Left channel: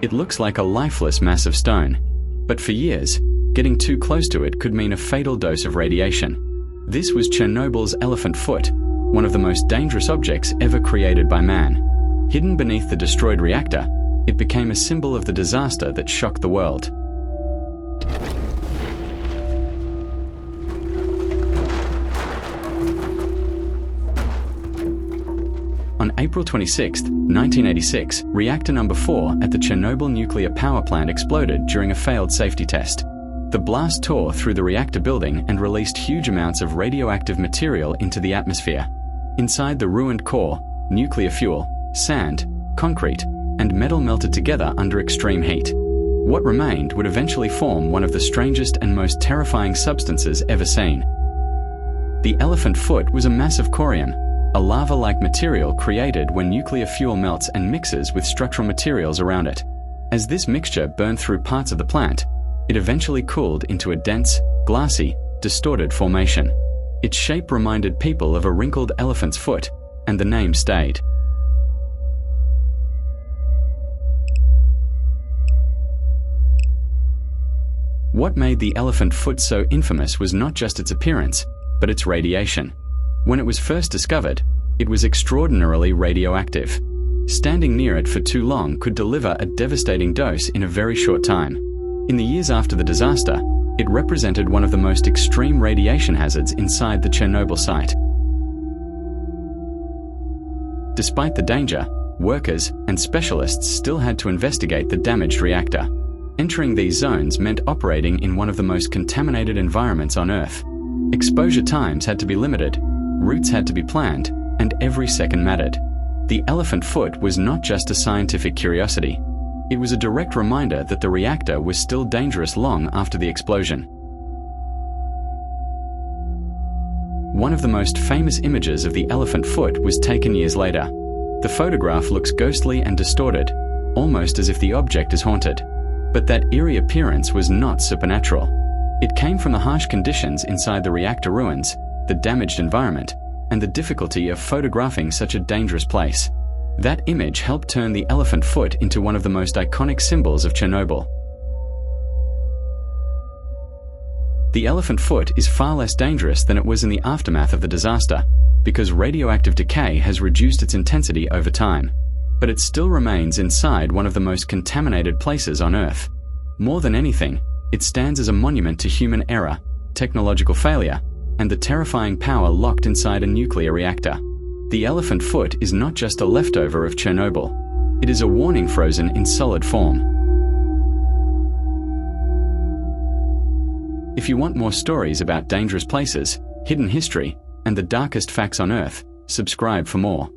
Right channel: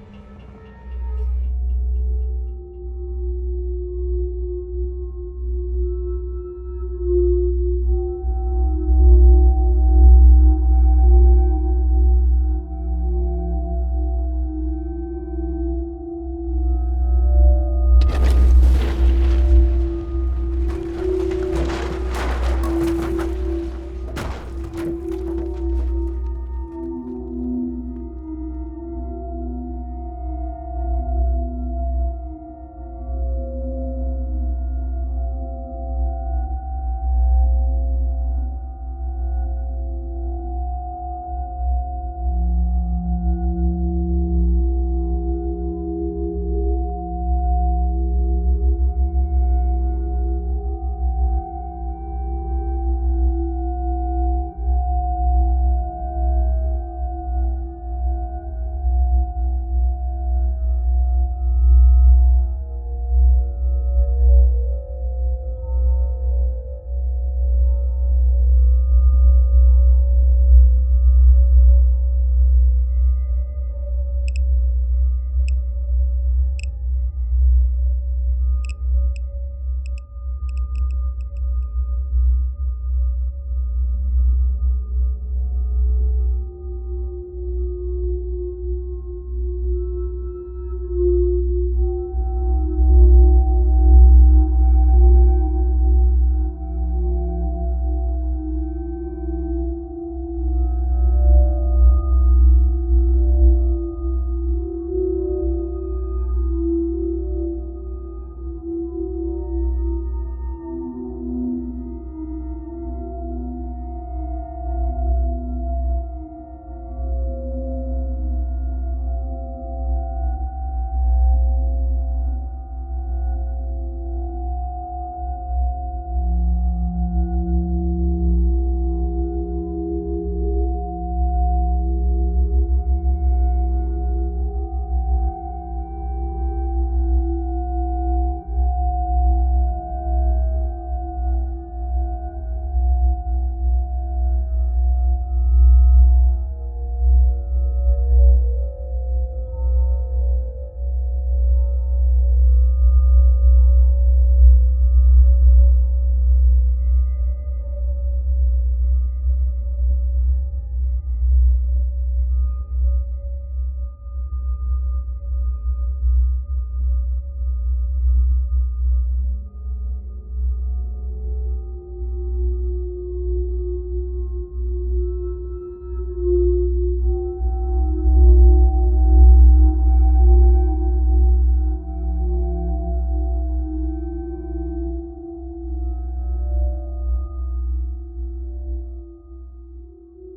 It looks like a lifeless mass of stone, but for years, getting too close to it could mean a fatal dose of radiation. This was Chernobyl's Elephant Foot, one of the most dangerous objects ever created by man. Hidden beneath the destroyed reactor, it became a symbol of the disaster that shocked the world. On April 26, 1986, Reactor Number 4 at the Chernobyl nuclear power plant exploded during a failed safety test. The blast tore through the reactor building and released huge amounts of radioactive material into the atmosphere. Inside the ruined core, nuclear fuel, sand, concrete, and metal melted together under extreme heat. What remained would eventually form one of the strangest and most terrifying substances ever seen. The Elephant Foot was a mass of corium, a lava-like material created when nuclear fuel melts and mixes with structural materials around it. As this mixture burned through parts of the plant, it eventually cooled into a dense, glassy, distorted formation. Its shape reminded people of a wrinkled elephant's foot, and the name stayed. What made the Elephant Foot so infamous was not just its appearance, but its radiation. When it was first discovered, it was extraordinarily radioactive. Standing near it for too long could deliver a devastating dose in a very short time. In the years after the disaster, it represented one of the most extreme radiation hazards inside the Chernobyl site. Despite the danger, workers and specialists still had to investigate the damaged reactor. Entering these zones meant operating in one of the most contaminated environments on Earth. Exposure times had to be limited, routes had to be planned, and every second mattered. The Elephant Foot was not just a scientific curiosity. It was a direct reminder that the reactor was still dangerous long after the explosion. One of the most famous images of the Elephant Foot was taken years later. The photograph looks ghostly and distorted, almost as if the object is haunted. But that eerie appearance was not supernatural. It came from the harsh conditions inside the reactor ruins, the damaged environment, and the difficulty of photographing such a dangerous place. That image helped turn the Elephant Foot into one of the most iconic symbols of Chernobyl. The Elephant Foot is far less dangerous than it was in the aftermath of the disaster, because radioactive decay has reduced its intensity over time. But it still remains inside one of the most contaminated places on Earth. More than anything, it stands as a monument to human error, technological failure, and the terrifying power locked inside a nuclear reactor. The Elephant Foot is not just a leftover of Chernobyl. It is a warning frozen in solid form. If you want more stories about dangerous places, hidden history, and the darkest facts on Earth, subscribe for more.